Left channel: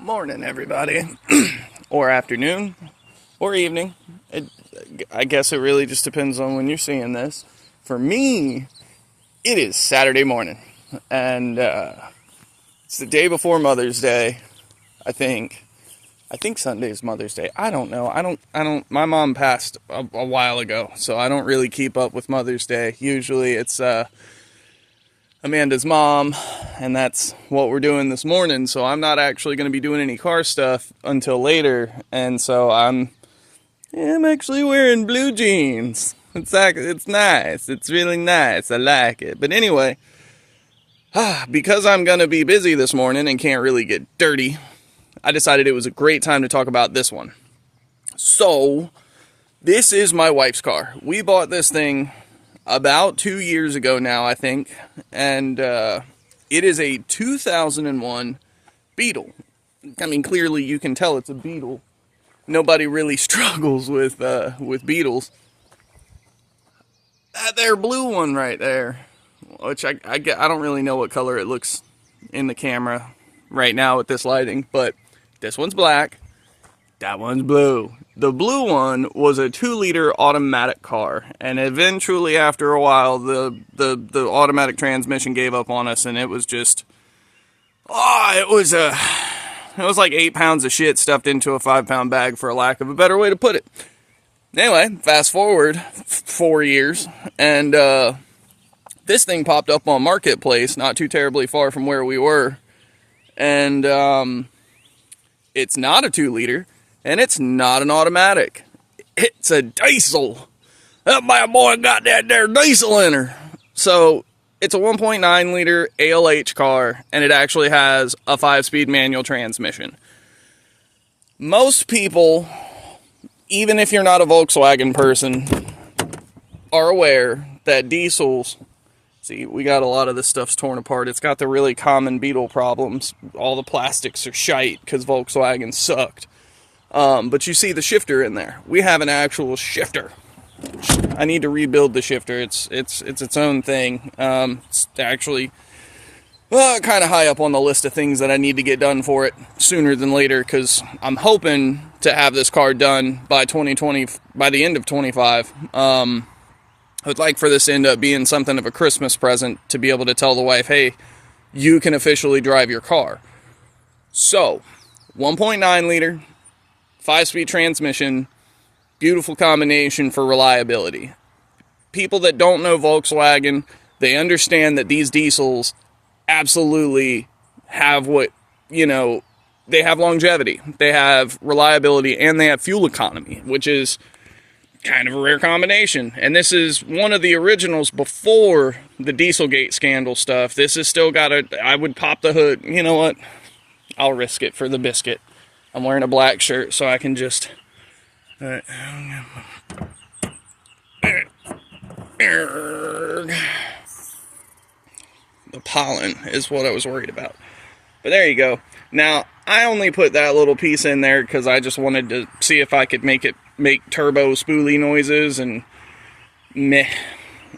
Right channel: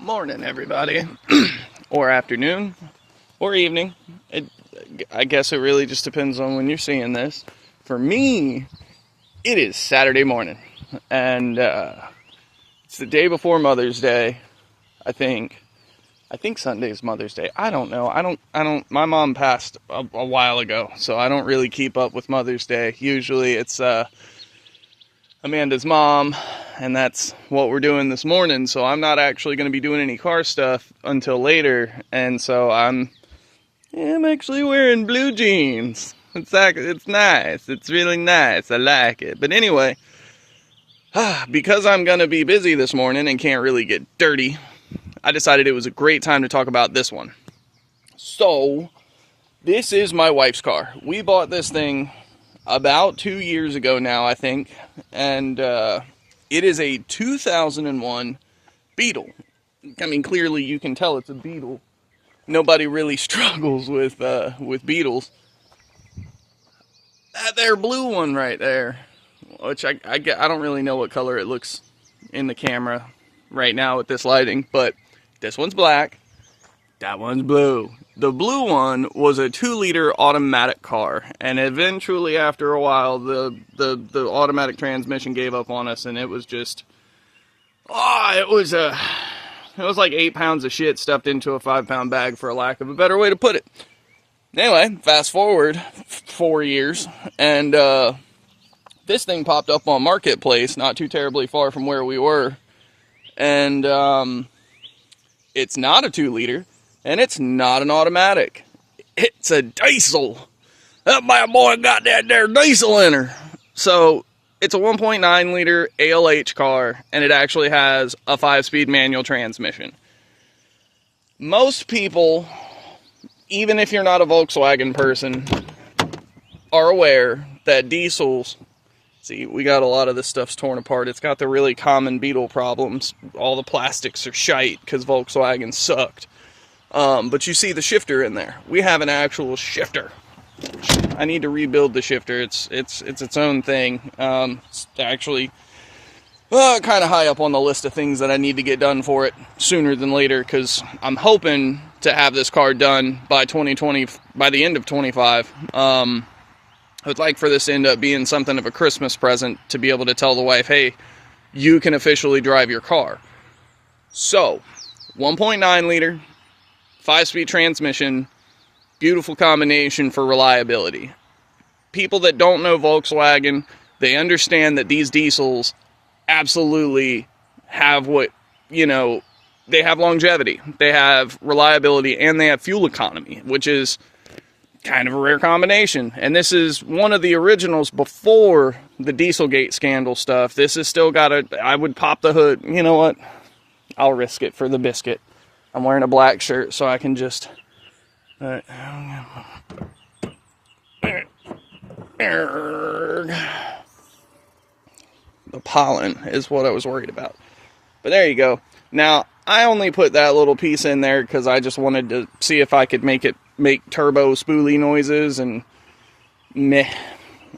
Morning, everybody, or afternoon, or evening. I guess it really just depends on when you're seeing this. For me, it is Saturday morning, and it's the day before Mother's Day. I think. I think Sunday's Mother's Day. I don't know. I don't. My mom passed a while ago, so I don't really keep up with Mother's Day. Usually, it's Amanda's mom, and that's what we're doing this morning. So I'm not actually going to be doing any car stuff until later, and so I'm actually wearing blue jeans. It's nice. It's really nice. I like it. But anyway, because I'm going to be busy this morning and can't really get dirty, I decided it was a great time to talk about this one. So, this is my wife's car. We bought this thing about 2 years ago now, I think, and it is a 2001 Beetle. I mean, clearly you can tell it's a Beetle. Nobody really struggles with Beetles. That there blue one right there, which I don't really know what color it looks in the camera right now with this lighting, but this one's black, that one's blue. The blue one was a 2-liter automatic car, and eventually, after a while, the automatic transmission gave up on us, and it was just, it was like 8 pounds of shit stuffed into a 5-pound bag, for a lack of a better way to put it. Anyway, fast forward 4 years, and this thing popped up on Marketplace, not too terribly far from where we were, and it's not a 2-liter. And it's not an automatic. It's a diesel. That bad boy got that there diesel in her. So, it's a 1.9 liter ALH car, and it actually has a 5-speed manual transmission. Most people, even if you're not a Volkswagen person, are aware that diesels, see, we got a lot of this stuff's torn apart. It's got the really common Beetle problems. All the plastics are shite because Volkswagen sucked. But you see the shifter in there. We have an actual shifter. I need to rebuild the shifter. It's its own thing. It's actually kind of high up on the list of things that I need to get done for it sooner than later, because I'm hoping to have this car done by 2020, by the end of 25. I would like for this to end up being something of a Christmas present, to be able to tell the wife, hey, you can officially drive your car. So, 1.9 liter, 5-speed transmission, beautiful combination for reliability. People that don't know Volkswagen, they understand that these diesels absolutely have they have longevity, they have reliability, and they have fuel economy, which is kind of a rare combination. And this is one of the originals before the Dieselgate scandal stuff. This has still got I would pop the hood. You know what? I'll risk it for the biscuit. I'm wearing a black shirt, so I can just... The pollen is what I was worried about. But there you go. Now, I only put that little piece in there because I just wanted to see if I could make it make turbo spoolie noises, and meh.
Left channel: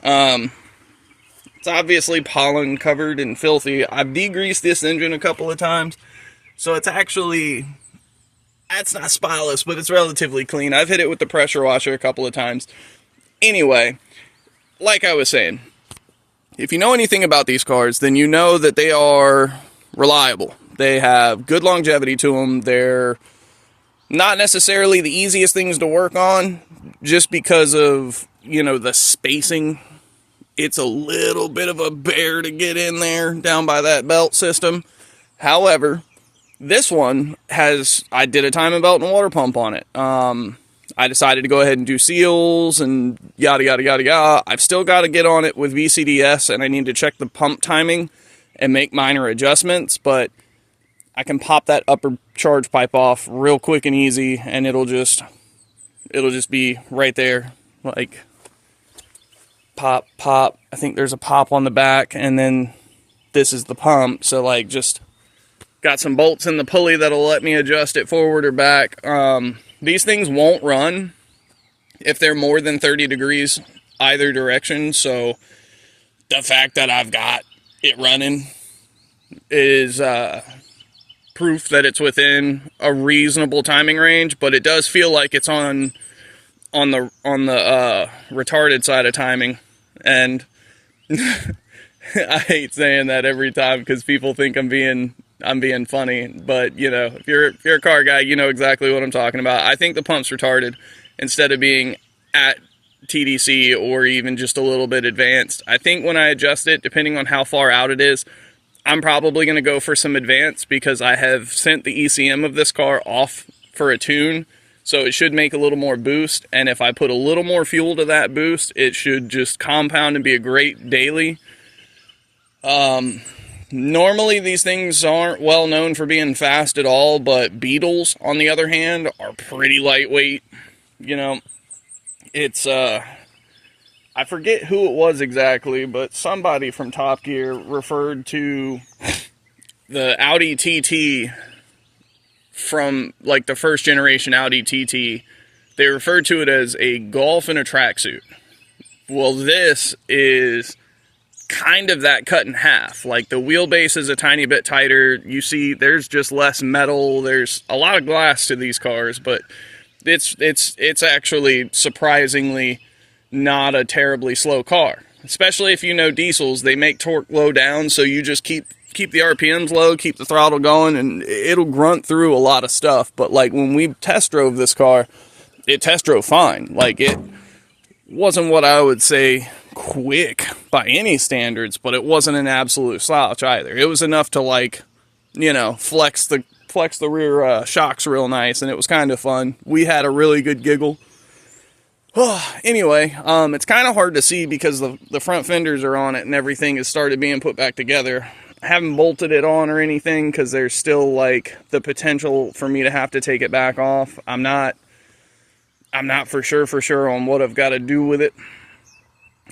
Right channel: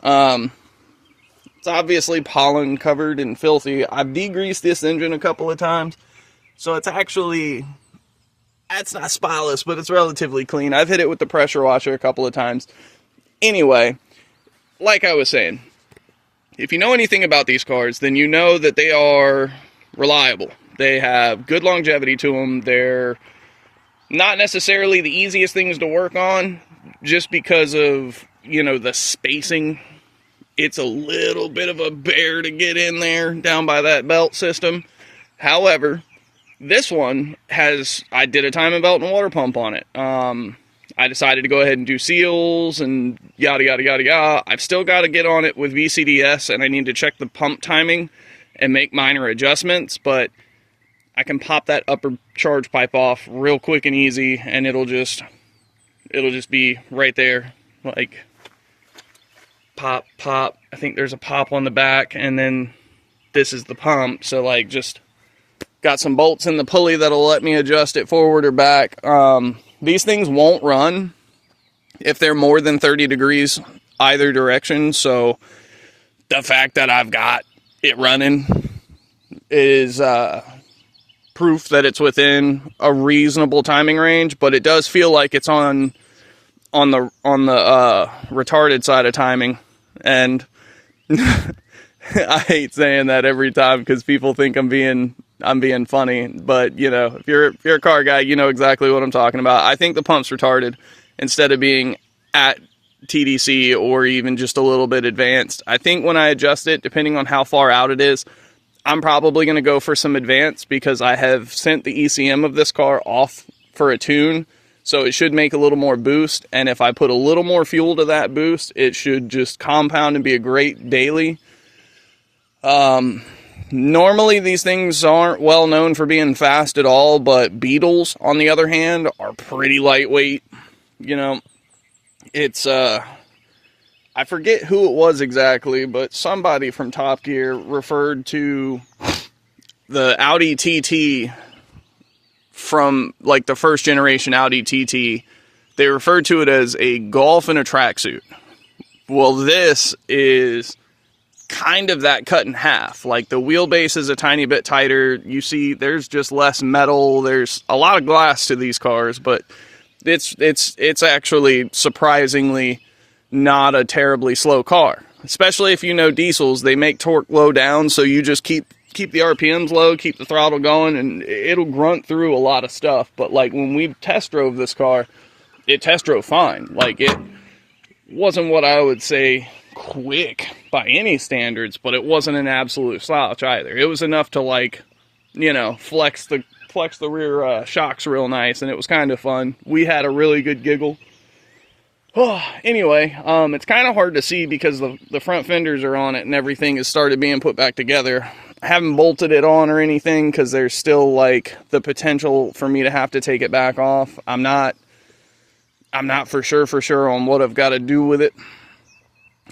It's obviously pollen covered and filthy. I've degreased this engine a couple of times, so it's actually... It's not spotless, but it's relatively clean. I've hit it with the pressure washer a couple of times. Anyway, like I was saying, if you know anything about these cars, then you know that they are reliable. They have good longevity to them. They're not necessarily the easiest things to work on, just because of, the spacing. It's a little bit of a bear to get in there, down by that belt system. However, this one I did a timing belt and water pump on it. I decided to go ahead and do seals and yada, yada, yada, yada. I've still got to get on it with VCDS, and I need to check the pump timing and make minor adjustments, but I can pop that upper charge pipe off real quick and easy, and it'll just be right there, like pop, pop. I think there's a pop on the back, and then this is the pump, so just... Got some bolts in the pulley that'll let me adjust it forward or back. These things won't run if they're more than 30 degrees either direction. So the fact that I've got it running is proof that it's within a reasonable timing range, but it does feel like it's on the retarded side of timing. And I hate saying that every time because people think I'm being funny, but you know, if you're a car guy, you know exactly what I'm talking about. I think the pump's retarded instead of being at TDC or even just a little bit advanced. I think when I adjust it, depending on how far out it is, I'm probably going to go for some advanced because I have sent the ECM of this car off for a tune, so it should make a little more boost, and if I put a little more fuel to that boost, it should just compound and be a great daily. Normally these things aren't well known for being fast at all, but Beetles, on the other hand, are pretty lightweight. You know, it's, I forget who it was exactly, but somebody from Top Gear referred to the Audi TT from, like, the first generation Audi TT. They referred to it as a Golf in a tracksuit. Well, this is kind of that cut in half. Like, the wheelbase is a tiny bit tighter. You see, there's just less metal. There's a lot of glass to these cars, but it's actually surprisingly not a terribly slow car. Especially if you know diesels, they make torque low down, so you just keep the RPMs low, keep the throttle going, and it'll grunt through a lot of stuff. But like when we test drove this car, it test drove fine. Like, it wasn't what I would say quick by any standards, but it wasn't an absolute slouch either. It was enough to, like, you know, flex the rear shocks real nice, and it was kind of fun. We had a really good giggle. Anyway, it's kind of hard to see because the front fenders are on it and everything has started being put back together. I haven't bolted it on or anything because there's still, like, the potential for me to have to take it back off. I'm not for sure on what I've got to do with it.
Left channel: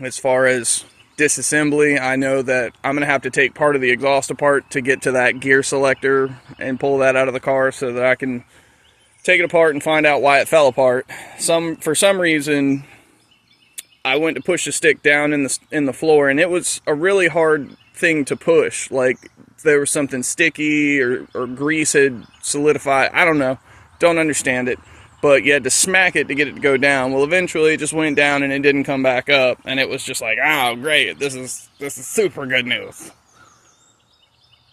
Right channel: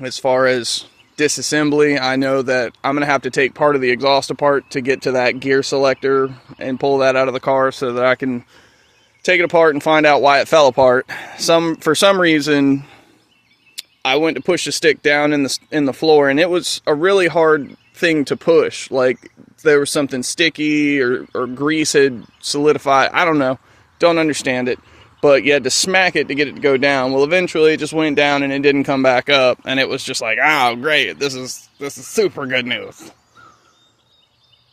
As far as disassembly, I know that I'm going to have to take part of the exhaust apart to get to that gear selector and pull that out of the car so that I can take it apart and find out why it fell apart. For some reason, I went to push the stick down in the floor, and it was a really hard thing to push. Like, there was something sticky or grease had solidified. I don't know. Don't understand it. But you had to smack it to get it to go down. Well, eventually it just went down and it didn't come back up. And it was just like, oh, great. This is super good news.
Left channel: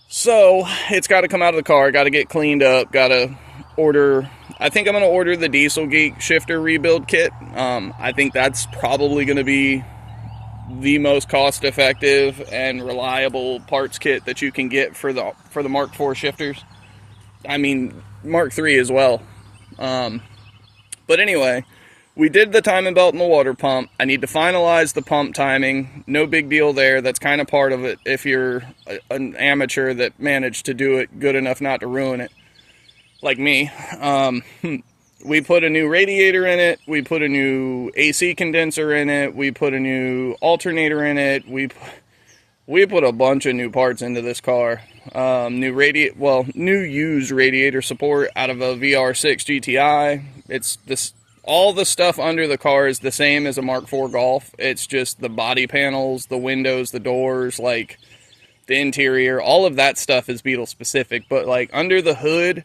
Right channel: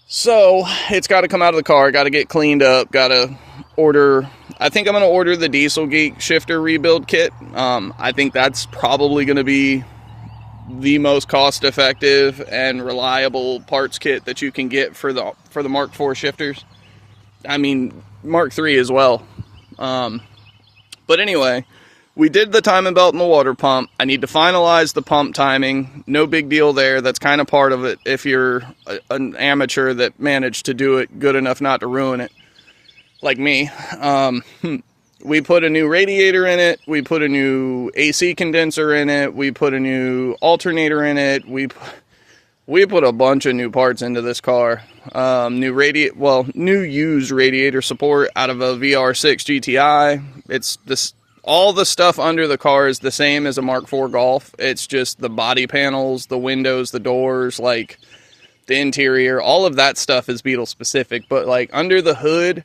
So it's got to come out of the car. Got to get cleaned up. Got to order. I think I'm going to order the Diesel Geek shifter rebuild kit. I think that's probably going to be the most cost-effective and reliable parts kit that you can get for the Mark IV shifters. I mean, Mark III as well. But anyway, we did the timing belt and the water pump. I need to finalize the pump timing. No big deal there. That's kind of part of it if you're an amateur that managed to do it good enough not to ruin it, like me. We put a new radiator in it. We put a new AC condenser in it. We put a new alternator in it. We put a bunch of new parts into this car. New used radiator support out of a VR6 GTI. All the stuff under the car is the same as a Mark IV Golf. It's just the body panels, the windows, the doors, like the interior, all of that stuff is Beetle specific. But like under the hood,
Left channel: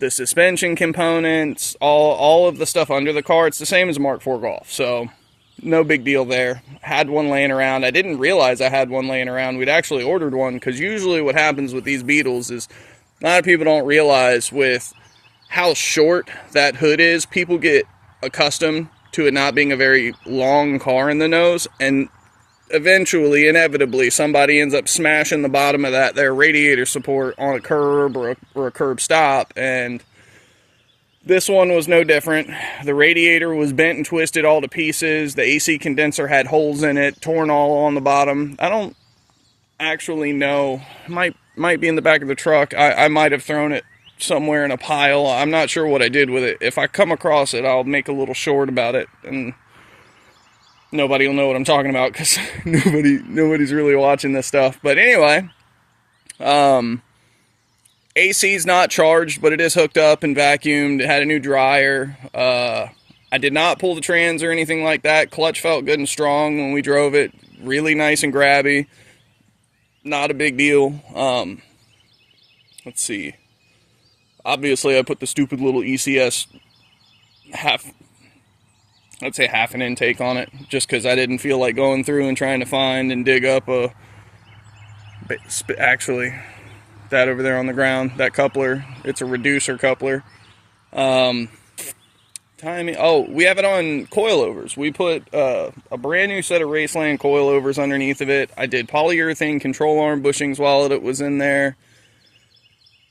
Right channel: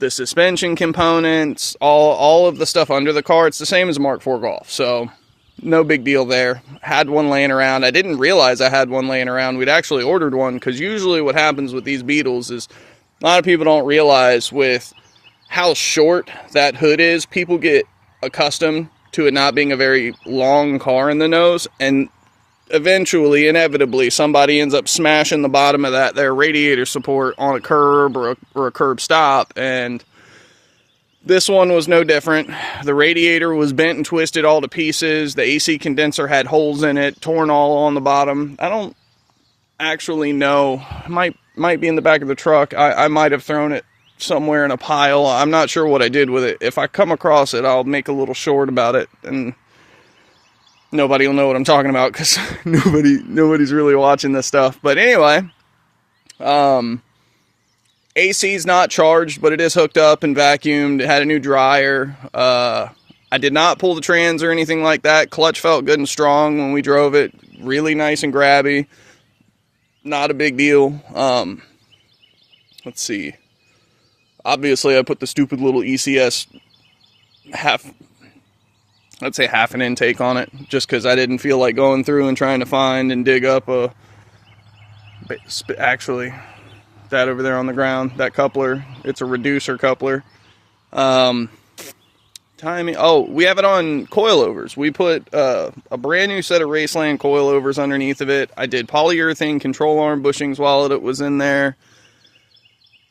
the suspension components, all of the stuff under the car, it's the same as a Mark IV Golf. So no big deal there. Had one laying around. I didn't realize I had one laying around. We'd actually ordered one because usually what happens with these Beetles is a lot of people don't realize with how short that hood is, people get accustomed to it not being a very long car in the nose, and eventually, inevitably, somebody ends up smashing the bottom of their radiator support on a curb or a curb stop, and this one was no different. The radiator was bent and twisted all to pieces. The AC condenser had holes in it, torn all on the bottom. I don't actually know. Might be in the back of the truck. I might have thrown it somewhere in a pile. I'm not sure what I did with it. If I come across it, I'll make a little short about it, and nobody will know what I'm talking about because nobody's really watching this stuff. But anyway, AC's not charged, but it is hooked up and vacuumed. It had a new dryer. I did not pull the trans or anything like that. Clutch felt good and strong when we drove it. Really nice and grabby. Not a big deal. Let's see. Obviously, I put the stupid little ECS let's say half an intake on it, just because I didn't feel like going through and trying to find and dig up actually, that over there on the ground, that coupler, it's a reducer coupler. Timing, oh, we have it on coilovers. We put a brand new set of Raceland coilovers underneath of it. I did polyurethane control arm bushings while it was in there.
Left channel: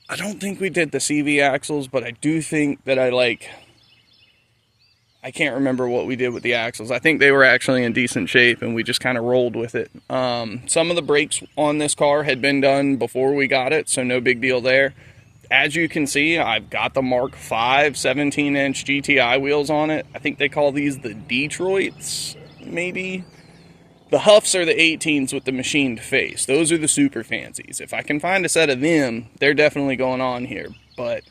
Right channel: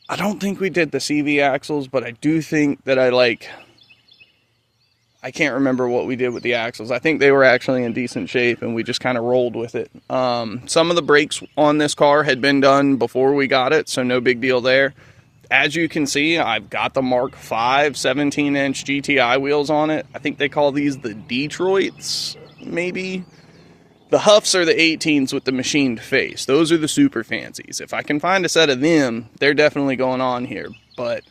I don't think we did the CV axles, but I do think that I can't remember what we did with the axles. I think they were actually in decent shape, and we just kind of rolled with it. Some of the brakes on this car had been done before we got it, so no big deal there. As you can see, I've got the Mark V 17-inch GTI wheels on it. I think they call these the Detroits, maybe. The Huffs are the 18s with the machined face. Those are the super fancies. If I can find a set of them, they're definitely going on here. But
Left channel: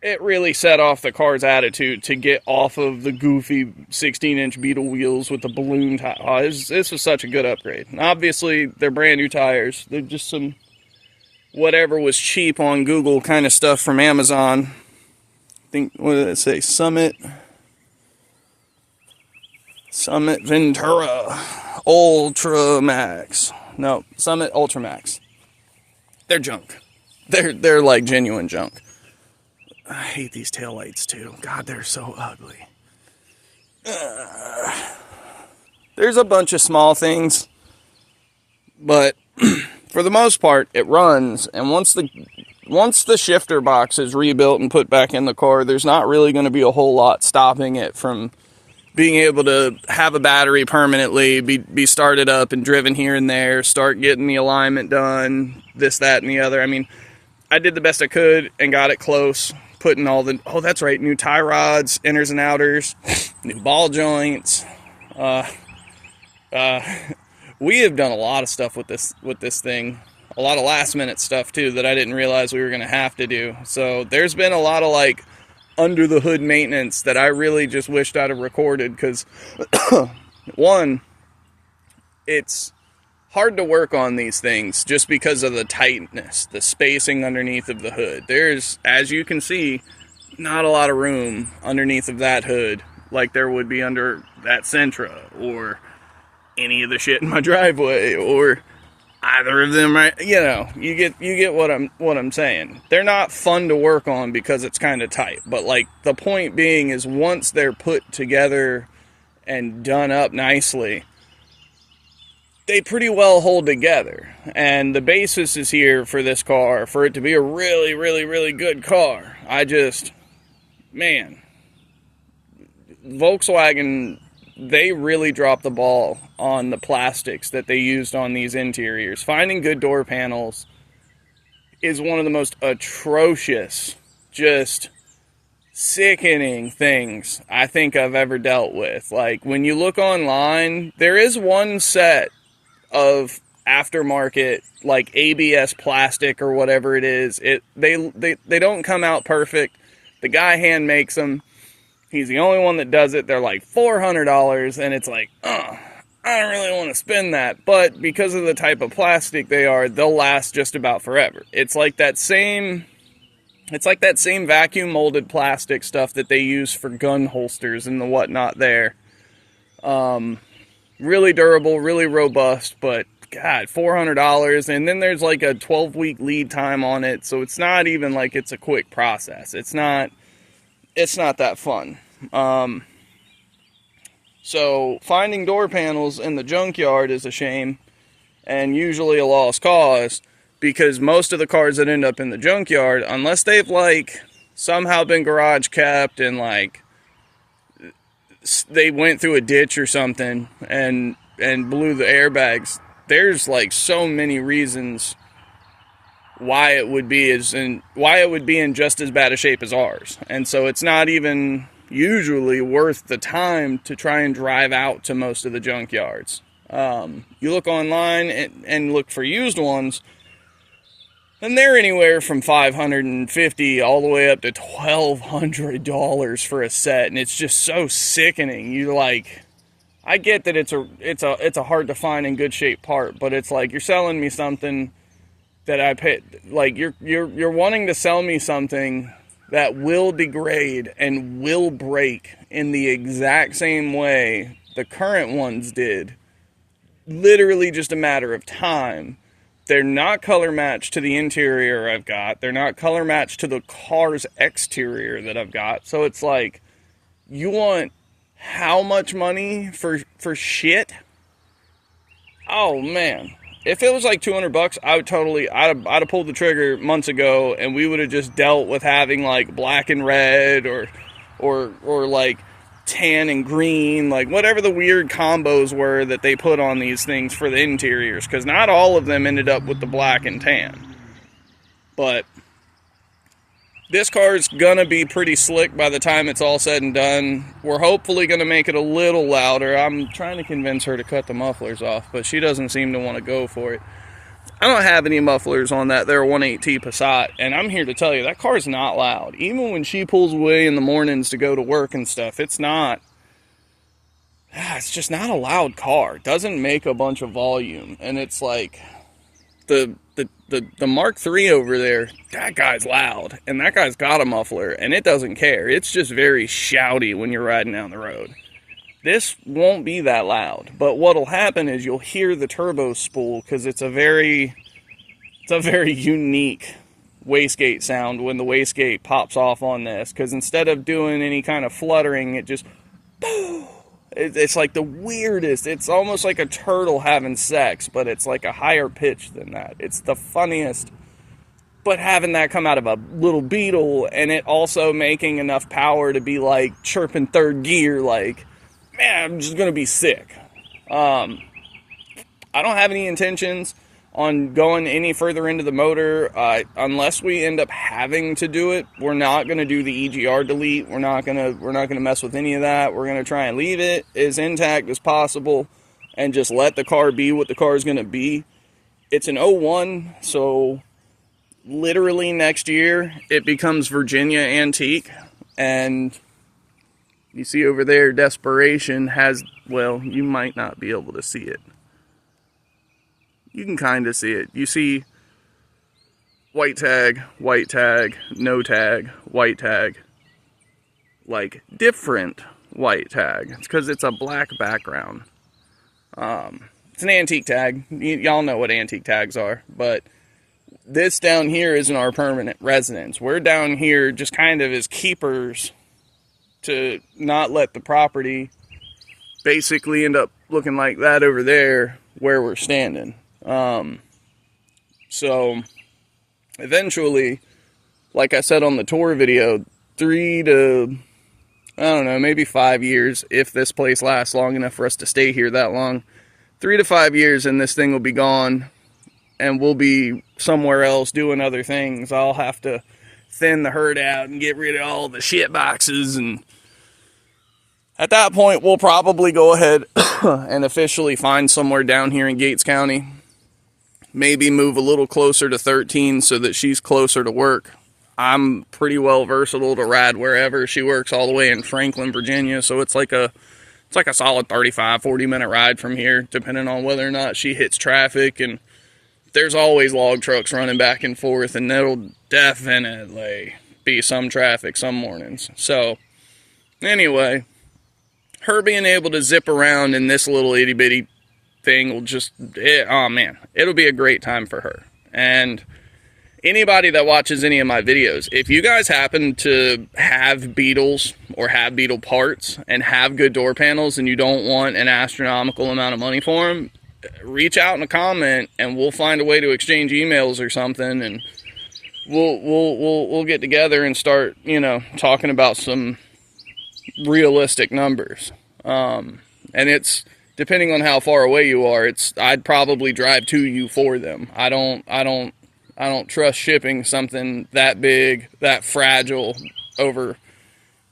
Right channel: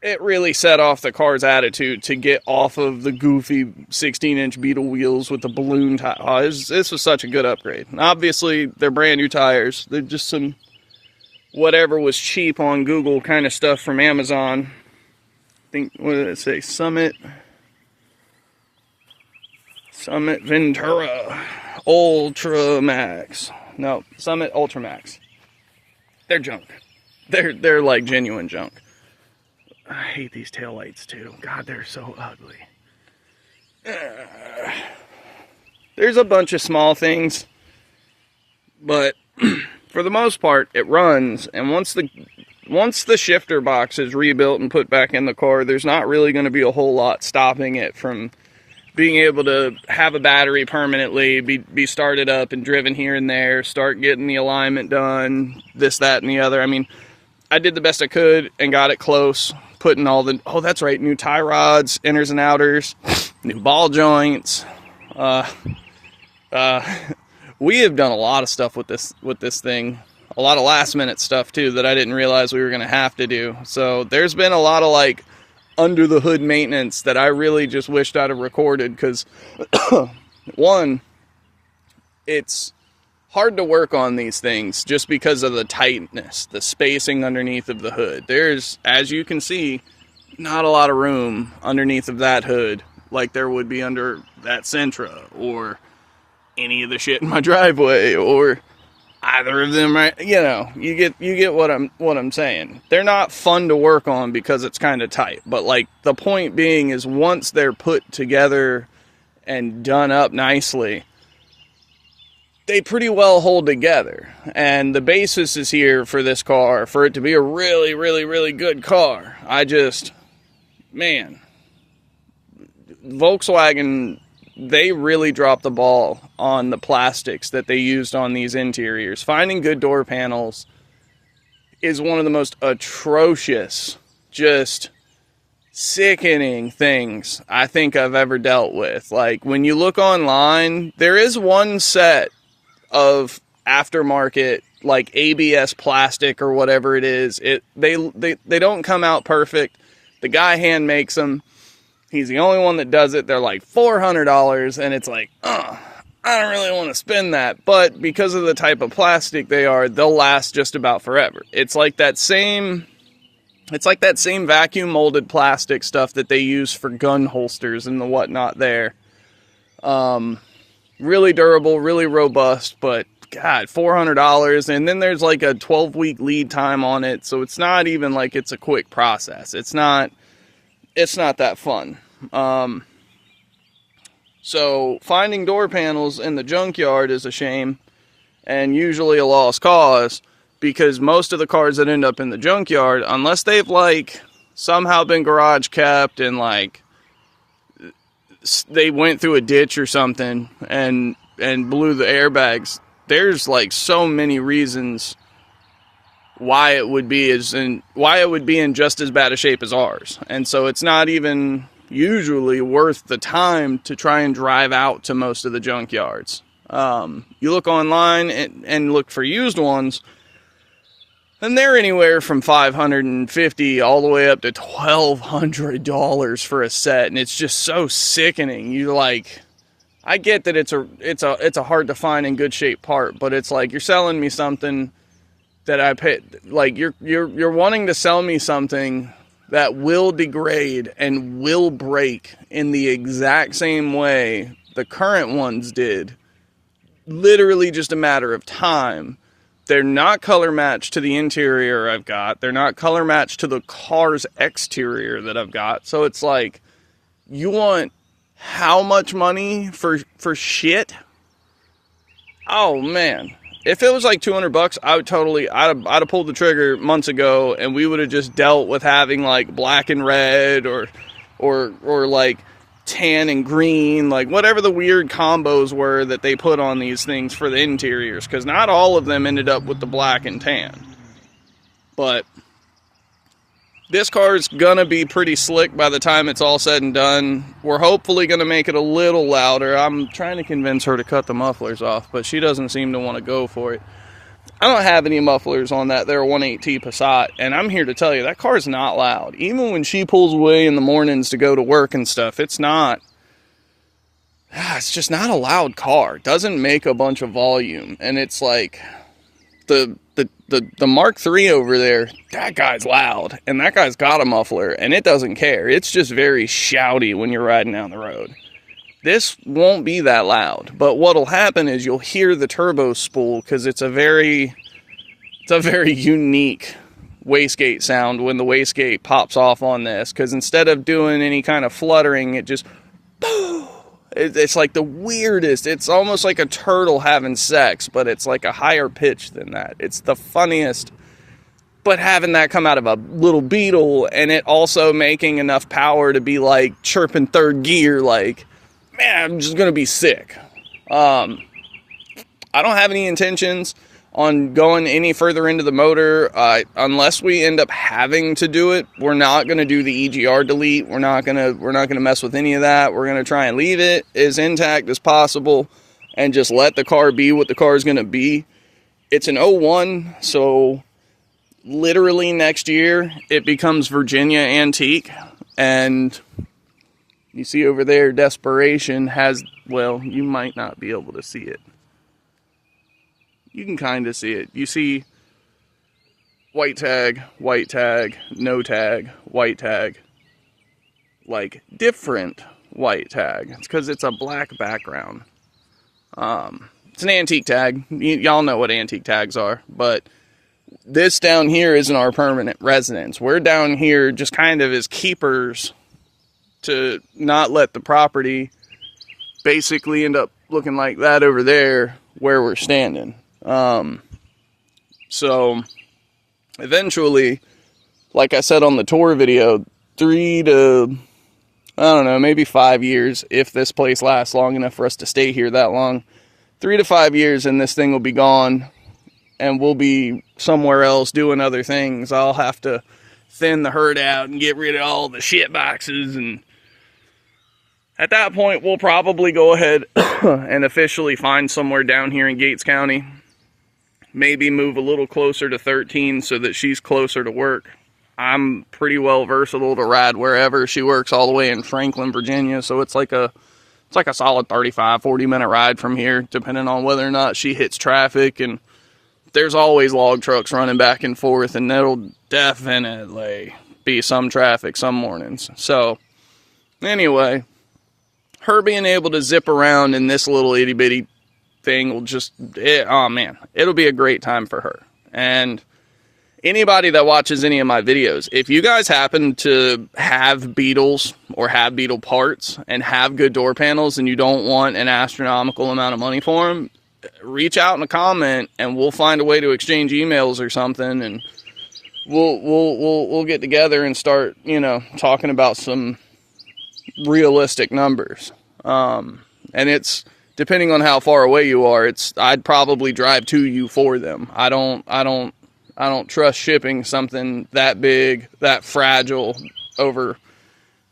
it really set off the car's attitude to get off of the goofy 16-inch Beetle wheels with the balloon tire. Oh, this was such a good upgrade. And obviously, they're brand new tires. They're just some whatever was cheap on Google kind of stuff from Amazon. I think, what did it say? Summit Ventura Ultra Max. No, Summit Ultra Max. They're junk. They're like genuine junk. I hate these taillights too. God, they're so ugly. There's a bunch of small things, but for the most part, it runs. And once the shifter box is rebuilt and put back in the car, there's not really going to be a whole lot stopping it from being able to have a battery permanently, be started up and driven here and there, start getting the alignment done, this, that, and the other. I mean, I did the best I could and got it close. Putting all the, oh, that's right, new tie rods, inners and outers, new ball joints. We have done a lot of stuff with this thing. A lot of last minute stuff too that I didn't realize we were going to have to do. So there's been a lot of like under the hood maintenance that I really just wished I'd have recorded, because one, it's hard to work on these things just because of the tightness, the spacing underneath of the hood. There's, as you can see, not a lot of room underneath of that hood like there would be under that Sentra or any of the shit in my driveway or either of them. Right? You know, you get what I'm saying. They're not fun to work on because it's kind of tight, but like the point being is once they're put together and done up nicely, they pretty well hold together. And the basis is here for this car, for it to be a really, really, really good car. Man, Volkswagen, they really dropped the ball on the plastics that they used on these interiors. Finding good door panels is one of the most atrocious, just sickening things I think I've ever dealt with. Like, when you look online, there is one set of aftermarket like ABS plastic or whatever it is. They don't come out perfect. The guy hand makes them. He's the only one that does it. They're like $400, and it's like, I don't really want to spend that. But because of the type of plastic they are, they'll last just about forever. It's like that same vacuum molded plastic stuff that they use for gun holsters and the whatnot there. Really durable, really robust, but God, $400. And then there's like a 12-week lead time on it. So it's not even like it's a quick process. It's not that fun. So finding door panels in the junkyard is a shame and usually a lost cause, because most of the cars that end up in the junkyard, unless they've like somehow been garage kept and like they went through a ditch or something and blew the airbags, there's like so many reasons why it would be in just as bad a shape as ours. And so it's not even usually worth the time to try and drive out to most of the junkyards. You look online and look for used ones, and they're anywhere from $550 all the way up to $1,200 for a set, and it's just so sickening. You like, I get that it's a hard to find in good shape part, but it's like you're selling me something that I paid. Like, you're wanting to sell me something that will degrade and will break in the exact same way the current ones did. Literally just a matter of time. They're not color matched to the interior I've got. They're not color matched to the car's exterior that I've got. So it's like, you want how much money for shit? Oh man. If it was like $200, I would totally, I'd have pulled the trigger months ago, and we would have just dealt with having like black and red or like tan and green, like whatever the weird combos were that they put on these things for the interiors, because not all of them ended up with the black and tan. But this car is gonna be pretty slick by the time it's all said and done. We're hopefully gonna make it a little louder. I'm trying to convince her to cut the mufflers off, but she doesn't seem to want to go for it. I don't have any mufflers on that there 1.8T Passat, and I'm here to tell you, that car is not loud. Even when she pulls away in the mornings to go to work and stuff, it's just not a loud car. It doesn't make a bunch of volume, and it's like, the Mark III over there, that guy's loud, and that guy's got a muffler, and it doesn't care. It's just very shouty when you're riding down the road. This won't be that loud, but what'll happen is you'll hear the turbo spool, because it's a very unique wastegate sound when the wastegate pops off on this, because instead of doing any kind of fluttering, it just boom. It's like the weirdest. It's almost like a turtle having sex, but it's like a higher pitch than that. It's the funniest. But having that come out of a little Beetle, and it also making enough power to be like chirping third gear, like, man, I'm just gonna be sick. I don't have any intentions on going any further into the motor, unless we end up having to do it. We're not going to do the EGR delete. We're not going to mess with any of that. We're going to try and leave it as intact as possible and just let the car be what the car is going to be. It's an 01, so literally next year it becomes Virginia Antique, and you see over there, Desperation has, well, you might not be able to see it. You can kind of see it. You see white tag, no tag, white tag. Like, different white tag. It's because it's a black background. It's an antique tag. Y'all know what antique tags are. But this down here isn't our permanent residence. We're down here just kind of as keepers to not let the property basically end up looking like that over there where we're standing. So eventually, like I said on the tour video, 3 to, I don't know, maybe 5 years, if this place lasts long enough for us to stay here that long, 3 to 5 years, and this thing will be gone, and we'll be somewhere else doing other things. I'll have to thin the herd out and get rid of all the shit boxes, and at that point, we'll probably go ahead and officially find somewhere down here in Gates County. Maybe move a little closer to 13 so that she's closer to work. I'm pretty well versatile to ride wherever. She works all the way in Franklin, Virginia, so it's like a solid 35, 40-minute ride from here, depending on whether or not she hits traffic. And there's always log trucks running back and forth, and that'll definitely be some traffic some mornings. So anyway, her being able to zip around in this little itty-bitty thing will just, oh man, it'll be a great time for her. And anybody that watches any of my videos, if you guys happen to have Beetles or have Beetle parts and have good door panels and you don't want an astronomical amount of money for them, reach out in a comment and we'll find a way to exchange emails or something, and we'll get together and start, you know, talking about some realistic numbers. And it's, depending on how far away you are, I'd probably drive to you for them. I don't trust shipping something that big, that fragile over.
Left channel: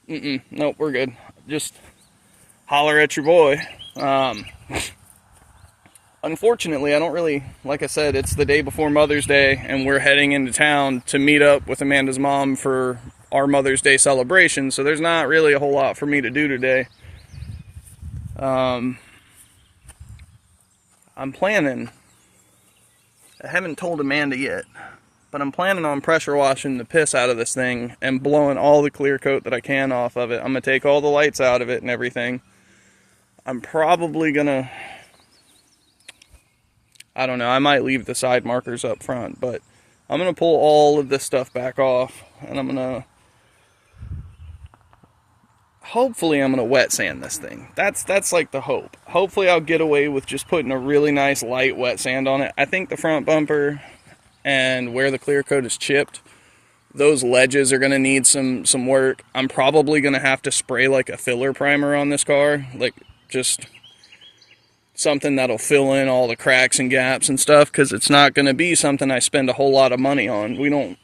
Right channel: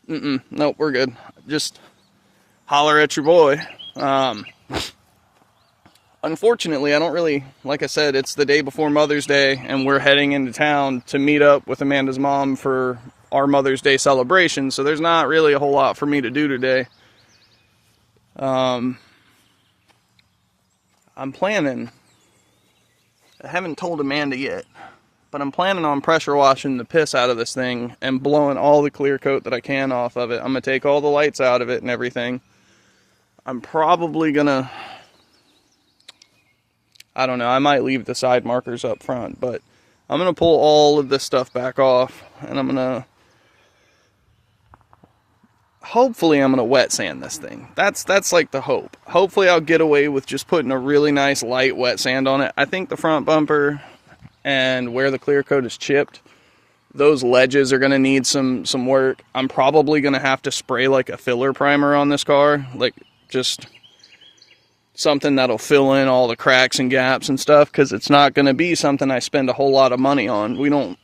Nope, we're good. Just holler at your boy. Unfortunately, I don't really, like I said, it's the day before Mother's Day, and we're heading into town to meet up with Amanda's mom for our Mother's Day celebration, so there's not really a whole lot for me to do today. I'm planning I haven't told Amanda yet, but I'm planning on pressure washing the piss out of this thing and blowing all the clear coat that I can off of it. I'm going to take all the lights out of it and everything. I'm probably going to, I don't know, I might leave the side markers up front, but I'm going to pull all of this stuff back off, and I'm going to, hopefully I'm going to wet sand this thing. That's like the hope. Hopefully I'll get away with just putting a really nice light wet sand on it. I think the front bumper and where the clear coat is chipped, those ledges are going to need some work. I'm probably going to have to spray like a filler primer on this car, like just something that'll fill in all the cracks and gaps and stuff, because it's not going to be something I spend a whole lot of money on. We don't,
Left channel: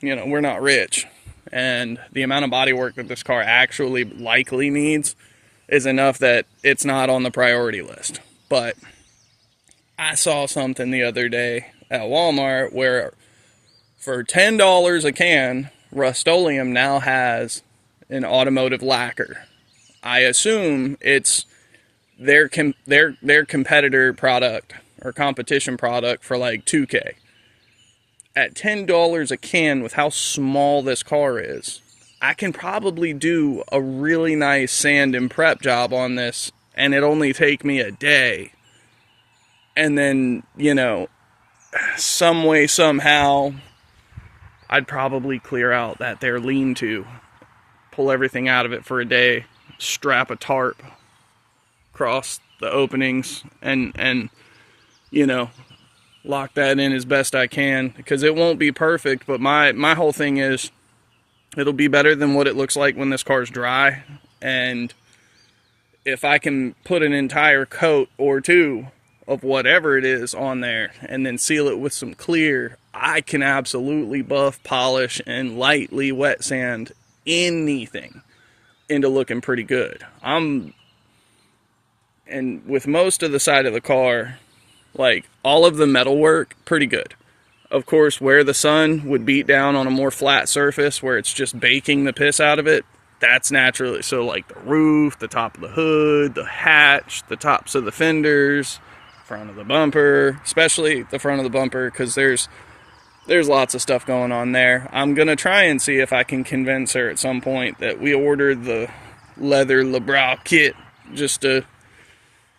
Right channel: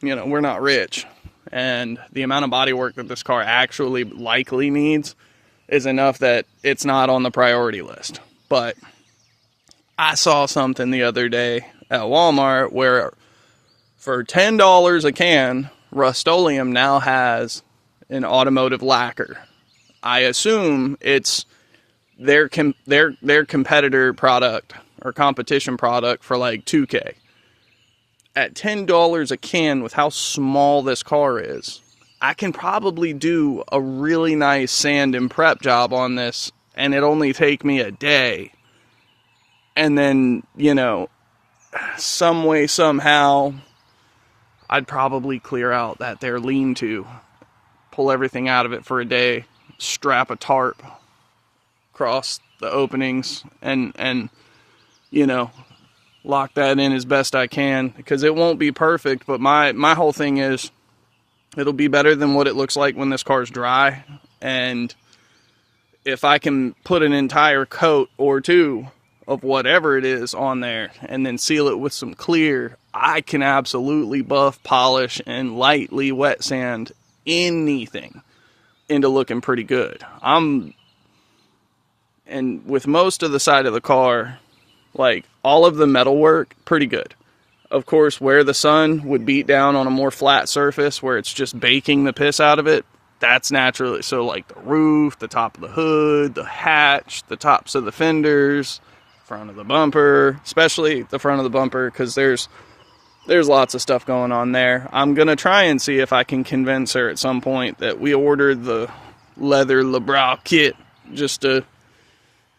you know, we're not rich. And the amount of body work that this car actually likely needs is enough that it's not on the priority list. But I saw something the other day at Walmart where for $10 a can, Rust-Oleum now has an automotive lacquer. I assume it's their competitor product or competition product for like $2K. At $10 a can, with how small this car is, I can probably do a really nice sand and prep job on this, and it only take me a day. And then, you know, some way, somehow, I'd probably clear out that there lean-to, pull everything out of it for a day, strap a tarp across the openings, and you know, lock that in as best I can, because it won't be perfect, but my whole thing is it'll be better than what it looks like when this car's dry. And if I can put an entire coat or two of whatever it is on there and then seal it with some clear, I can absolutely buff, polish, and lightly wet sand anything into looking pretty good. And with most of the side of the car, like all of the metal work, pretty good. Of course, where the sun would beat down on a more flat surface where it's just baking the piss out of it, that's naturally, so like the roof, the top of the hood, the hatch, the tops of the fenders, front of the bumper, especially the front of the bumper, because there's lots of stuff going on there. I'm gonna try and see if I can convince her at some point that we ordered the leather LeBrow kit just to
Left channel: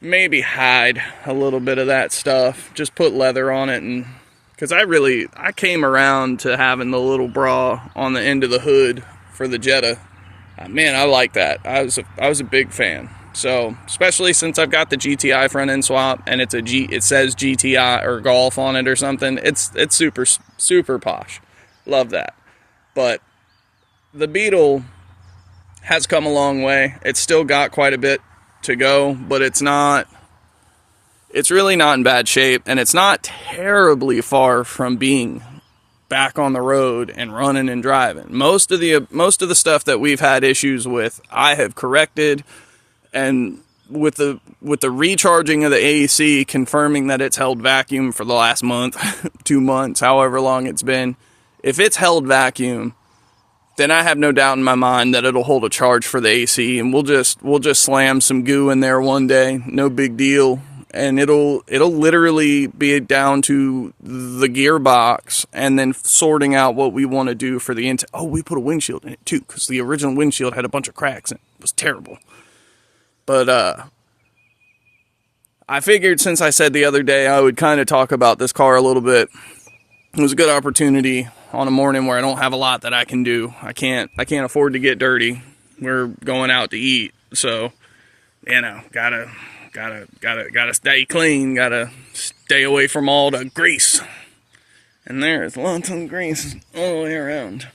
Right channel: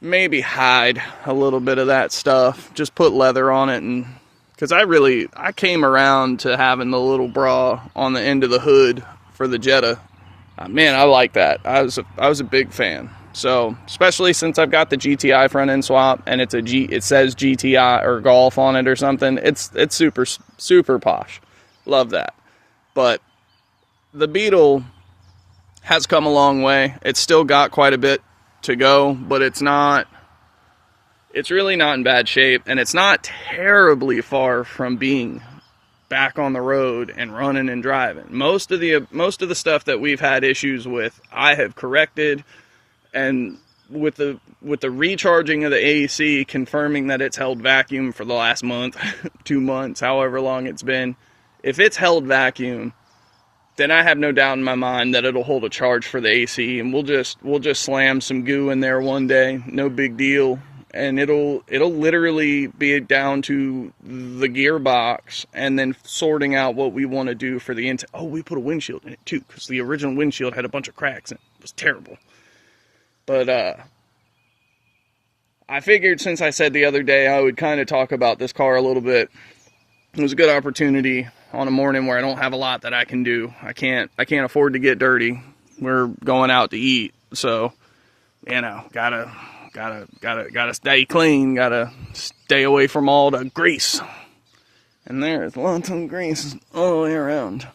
maybe hide a little bit of that stuff, just put leather on it. And because I came around to having the little bra on the end of the hood for the Jetta. Man, I like that. I was a big fan. So especially since I've got the GTI front end swap and it says GTI or Golf on it or something, it's super posh. Love that. But the Beetle has come a long way. It's still got quite a bit to go, but it's really not in bad shape, and it's not terribly far from being back on the road and running and driving. Most of the stuff that we've had issues with, I have corrected, and with the recharging of the AC, confirming that it's held vacuum for the last month, 2 months, however long it's been, if it's held vacuum, then I have no doubt in my mind that it'll hold a charge for the AC, and we'll just slam some goo in there one day, no big deal, and it'll literally be down to the gearbox and then sorting out what we want to do for the inside. Oh, we put a windshield in it too, because the original windshield had a bunch of cracks in it. It was terrible. But I figured since I said the other day I would kind of talk about this car a little bit. It was a good opportunity on a morning where I don't have a lot that I can do. I can't afford to get dirty. We're going out to eat, so you know, gotta stay clean. Gotta stay away from all the grease. And there's lots of grease all the way around.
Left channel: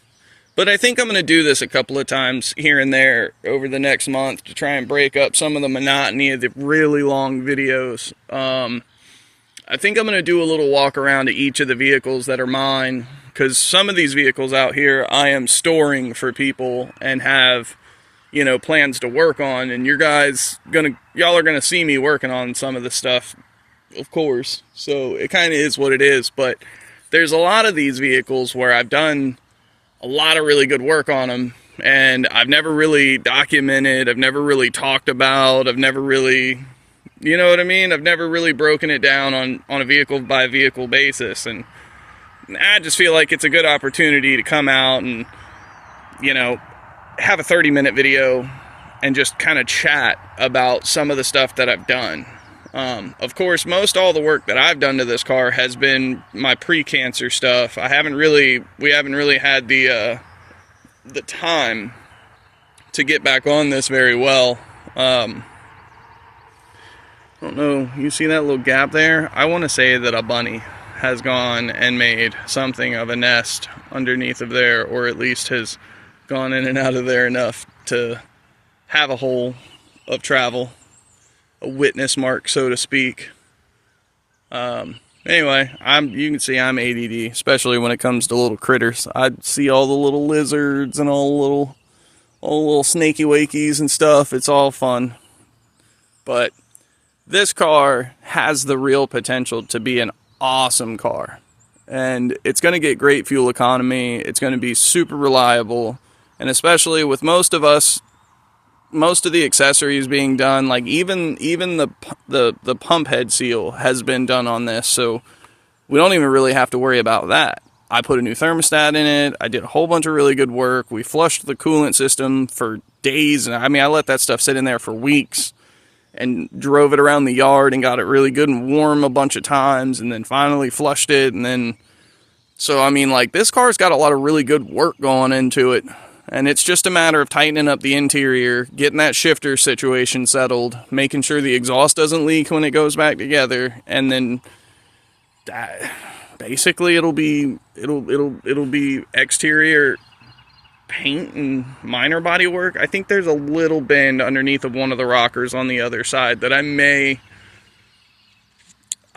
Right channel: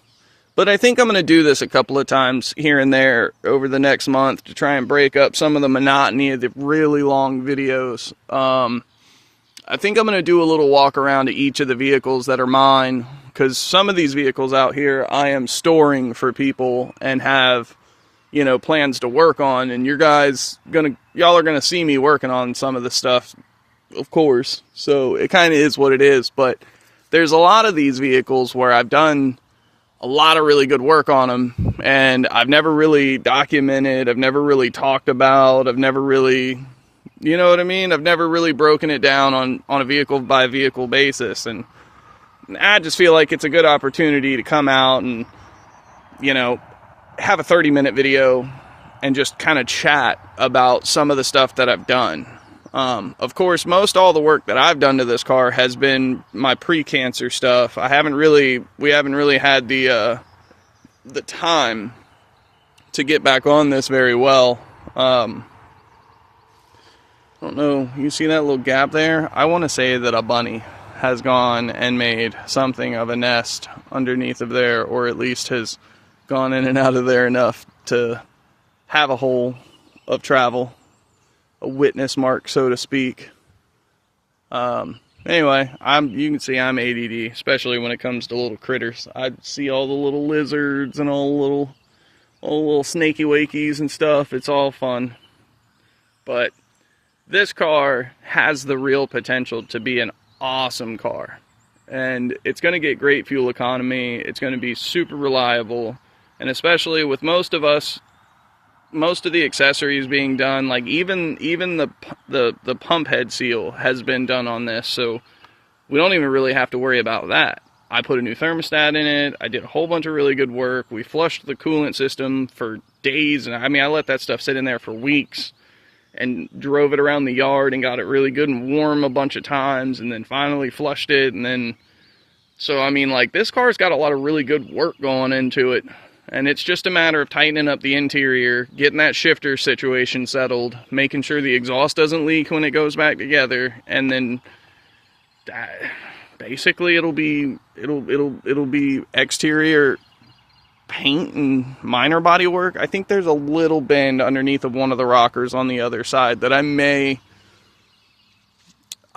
But I think I'm gonna do this a couple of times here and there over the next month to try and break up some of the monotony of the really long videos. I think I'm going to do a little walk around to each of the vehicles that are mine, because some of these vehicles out here I am storing for people and have, you know, plans to work on, and y'all are gonna see me working on some of the stuff, of course. So it kind of is what it is, but there's a lot of these vehicles where I've done a lot of really good work on them, and I've never really documented, I've never really talked about, I've never really, You know what I mean? I've never really broken it down on a vehicle by vehicle basis, and I just feel like it's a good opportunity to come out and, you know, have a 30-minute video and just kind of chat about some of the stuff that I've done. Of course, most all the work that I've done to this car has been my pre-cancer stuff. We haven't really had the time to get back on this very well. I don't know, you see that little gap there? I want to say that a bunny has gone and made something of a nest underneath of there, or at least has gone in and out of there enough to have a hole of travel, a witness mark, so to speak. Anyway, you can see I'm ADD, especially when it comes to little critters. I see all the little lizards and all the little snaky wakies and stuff. It's all fun. But this car has the real potential to be an awesome car. And it's going to get great fuel economy. It's going to be super reliable. And especially with most of the accessories being done, like even the pump head seal has been done on this, so we don't even really have to worry about that. I put a new thermostat in it. I did a whole bunch of really good work. We flushed the coolant system for days, and I mean, I let that stuff sit in there for weeks and drove it around the yard and got it really good and warm a bunch of times, and then finally flushed it. And then, so I mean, like, this car's got a lot of really good work going into it. And it's just a matter of tightening up the interior, getting that shifter situation settled, making sure the exhaust doesn't leak when it goes back together, and then basically it'll be exterior paint and minor body work. I think there's a little bend underneath of one of the rockers on the other side that I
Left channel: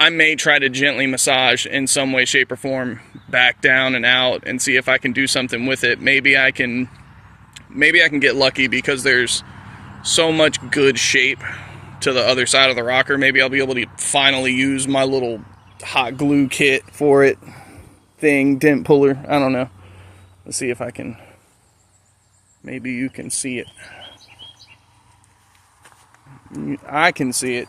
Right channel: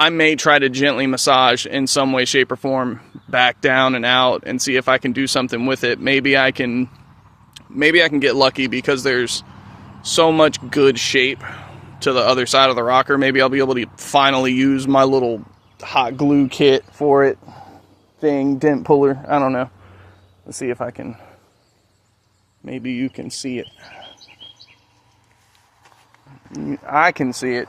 may try to gently massage in some way, shape, or form back down and out and see if I can do something with it. Maybe I can get lucky because there's so much good shape to the other side of the rocker. Maybe I'll be able to finally use my little hot glue kit for it thing, dent puller. I don't know. Let's see if I can. Maybe you can see it. I can see it,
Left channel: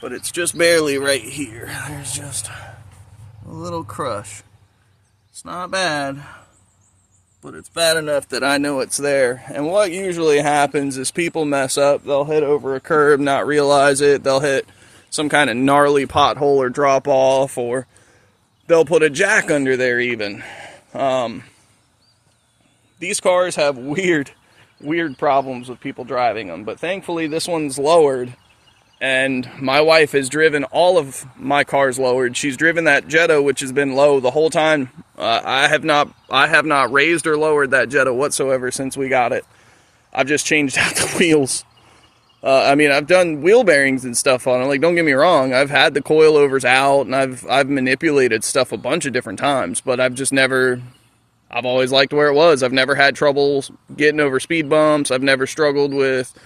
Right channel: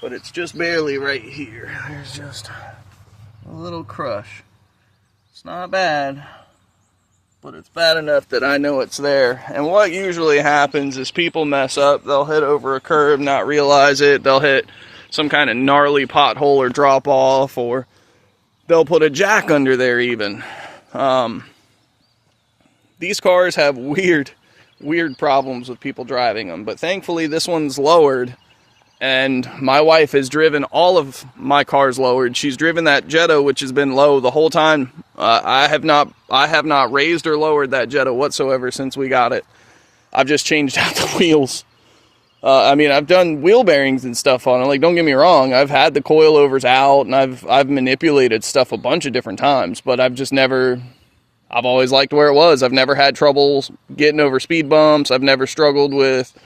but it's just barely right here. There's just a little crush. It's not bad, but it's bad enough that I know it's there. And what usually happens is people mess up. They'll hit over a curb, not realize it. They'll hit some kind of gnarly pothole or drop off, or they'll put a jack under there even. These cars have weird problems with people driving them, but thankfully this one's lowered. And my wife has driven all of my cars lowered. She's driven that Jetta, which has been low the whole time. I have not raised or lowered that Jetta whatsoever since we got it. I've just changed out the wheels. I mean, I've done wheel bearings and stuff on it. Like, don't get me wrong, I've had the coilovers out and I've manipulated stuff a bunch of different times, but I've always liked where it was. I've never had trouble getting over speed bumps. I've never struggled with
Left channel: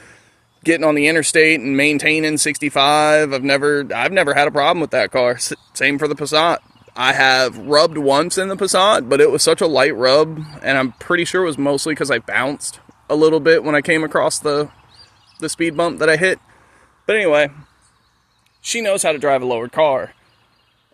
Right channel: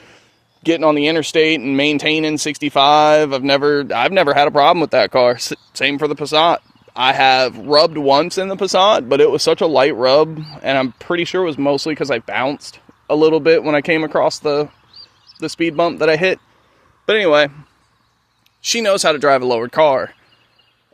getting on the interstate and maintaining 65. I've never had a problem with that car. Same for the Passat. I have rubbed once in the Passat, but it was such a light rub, and I'm pretty sure it was mostly because I bounced a little bit when I came across the speed bump that I hit. But anyway, she knows how to drive a lowered car.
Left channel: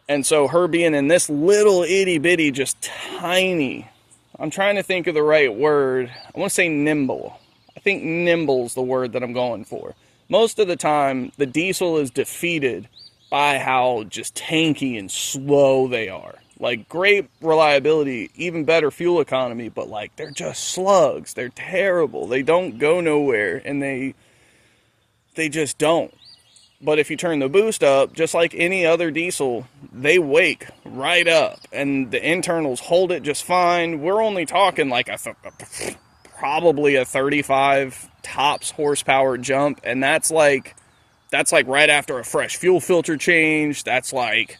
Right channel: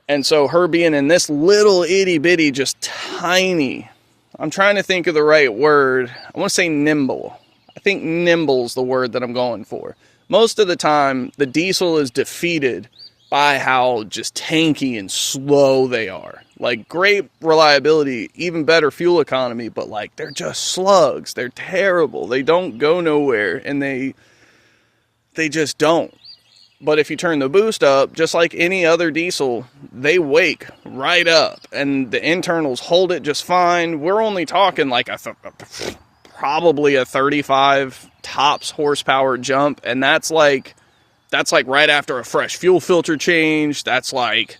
And so her being in this little itty bitty, just tiny, I'm trying to think of the right word. I want to say nimble. I think nimble's the word that I'm going for. Most of the time, the diesel is defeated by how just tanky and slow they are. Like, great reliability, even better fuel economy, but like, they're just slugs. They're terrible. They don't go nowhere, and they just don't. But if you turn the boost up, just like any other diesel, they wake right up, and the internals hold it just fine. We're only talking like probably a 35 tops horsepower jump, and that's like right after a fresh fuel filter change. That's like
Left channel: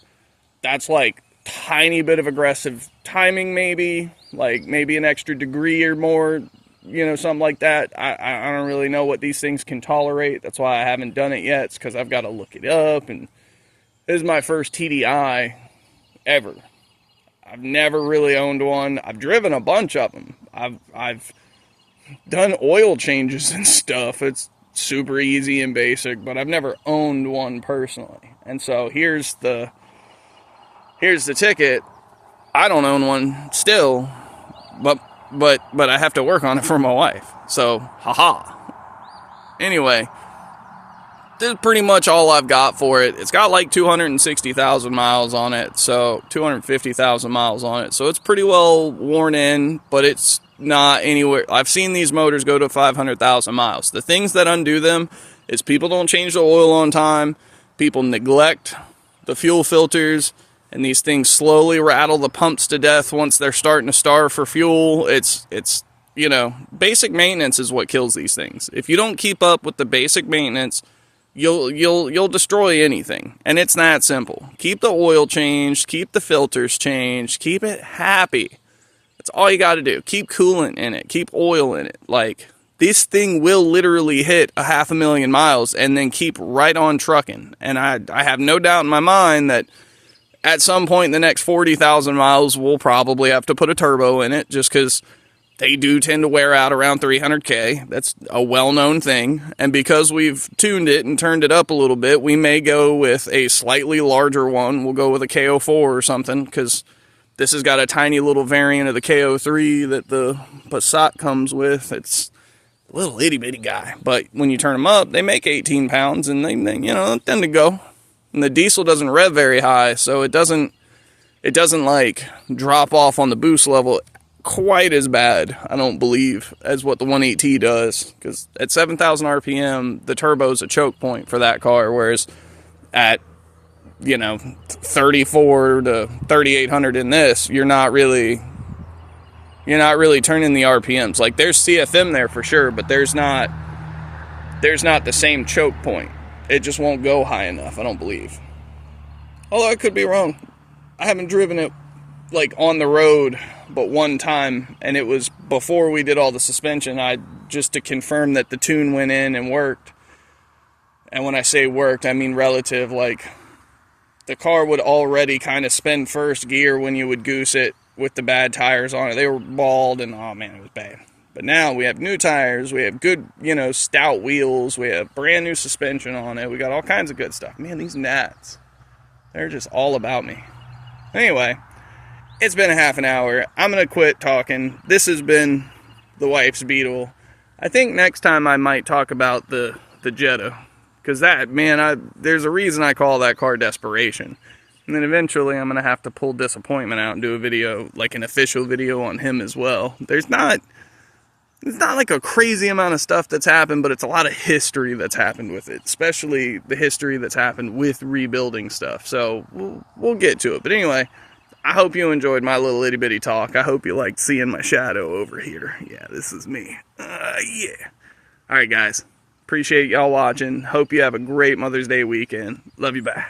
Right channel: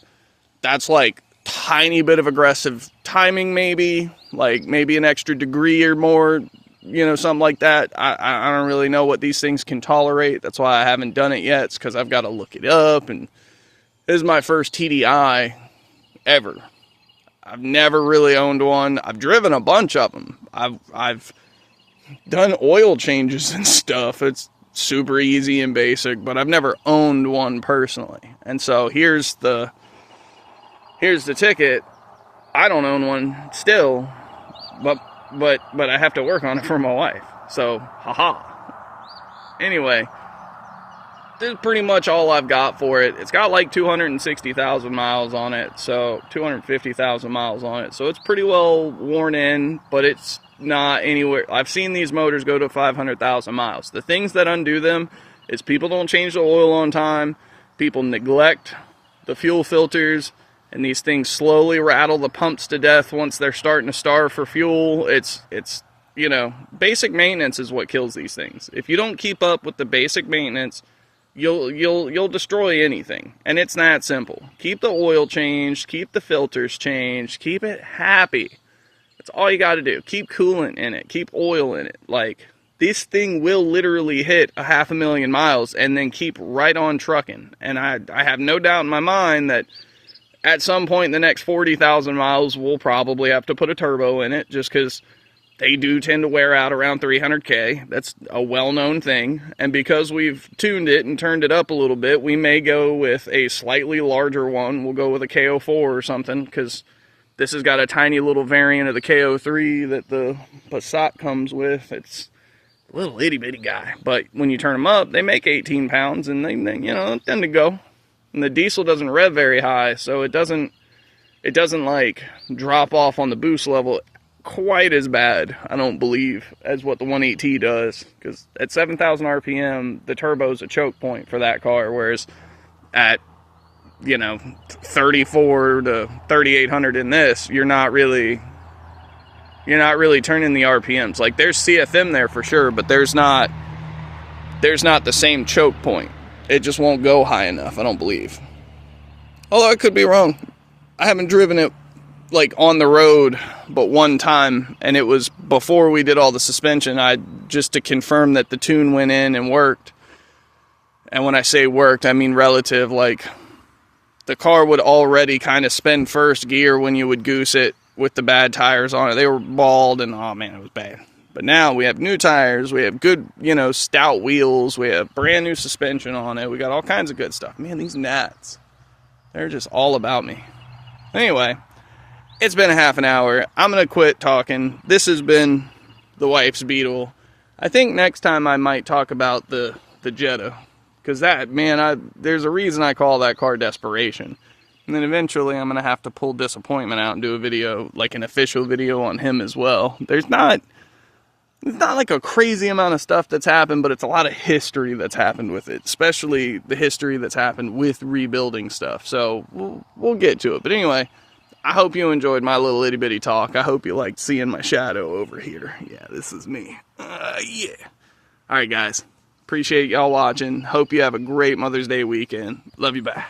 tiny bit of aggressive timing, maybe an extra degree or more, you know, something like that. I don't really know what these things can tolerate. That's why I haven't done it yet. It's because I've got to look it up, and this is my first TDI ever. I've never really owned one. I've driven a bunch of them. I've done oil changes and stuff. It's super easy and basic, but I've never owned one personally. And so here's the ticket. I don't own one still, but I have to work on it for my wife. So, haha. Anyway, this is pretty much all I've got for it. It's got like 260,000 miles on it, so 250,000 miles on it. So it's pretty well worn in, but it's not anywhere. I've seen these motors go to 500,000 miles. The things that undo them is people don't change the oil on time, people neglect the fuel filters, and these things slowly rattle the pumps to death once they're starting to starve for fuel. It's you know, basic maintenance is what kills these things. If you don't keep up with the basic maintenance, you'll destroy anything. And it's that simple. Keep the oil changed, keep the filters changed, keep it happy. That's all you got to do. Keep coolant in it, keep oil in it. Like, this thing will literally hit 500,000 miles and then keep right on trucking. And I have no doubt in my mind that at some point in the next 40,000 miles, we'll probably have to put a turbo in it, just because they do tend to wear out around 300K. That's a well-known thing. And because we've tuned it and turned it up a little bit, we may go with a slightly larger one. We'll go with a KO4 or something, because this has got a tiny little variant of the KO3 that the Passat comes with. It's a little itty-bitty guy. But when you turn them up, they make 18 pounds, and they you know, tend to go. And the diesel doesn't rev very high, so it doesn't like drop off on the boost level quite as bad, I don't believe, as what the 1.8T does. Because at 7,000 RPM, the turbo's a choke point for that car, whereas at, you know, 34 to 3,800 in this, you're not really turning the RPMs. Like, there's CFM there for sure, but there's not the same choke point. It just won't go high enough, I don't believe. Although I could be wrong. I haven't driven it like on the road but one time, and it was before we did all the suspension. Just to confirm that the tune went in and worked. And when I say worked, I mean relative. Like, the car would already kind of spin first gear when you would goose it with the bad tires on it. They were bald, and oh man, it was bad. But now we have new tires, we have good, you know, stout wheels, we have brand new suspension on it, we got all kinds of good stuff. Man, these gnats, they're just all about me. Anyway, it's been a half an hour. I'm going to quit talking. This has been the wife's Beetle. I think next time I might talk about the Jetta. Because that, man, there's a reason I call that car Desperation. And then eventually I'm going to have to pull Disappointment out and do a video, like an official video on him as well. It's not like a crazy amount of stuff that's happened, but it's a lot of history that's happened with it. Especially the history that's happened with rebuilding stuff. So we'll get to it. But anyway, I hope you enjoyed my little itty bitty talk. I hope you liked seeing my shadow over here. Yeah, this is me. Yeah. Alright guys. Appreciate y'all watching. Hope you have a great Mother's Day weekend. Love you, bye.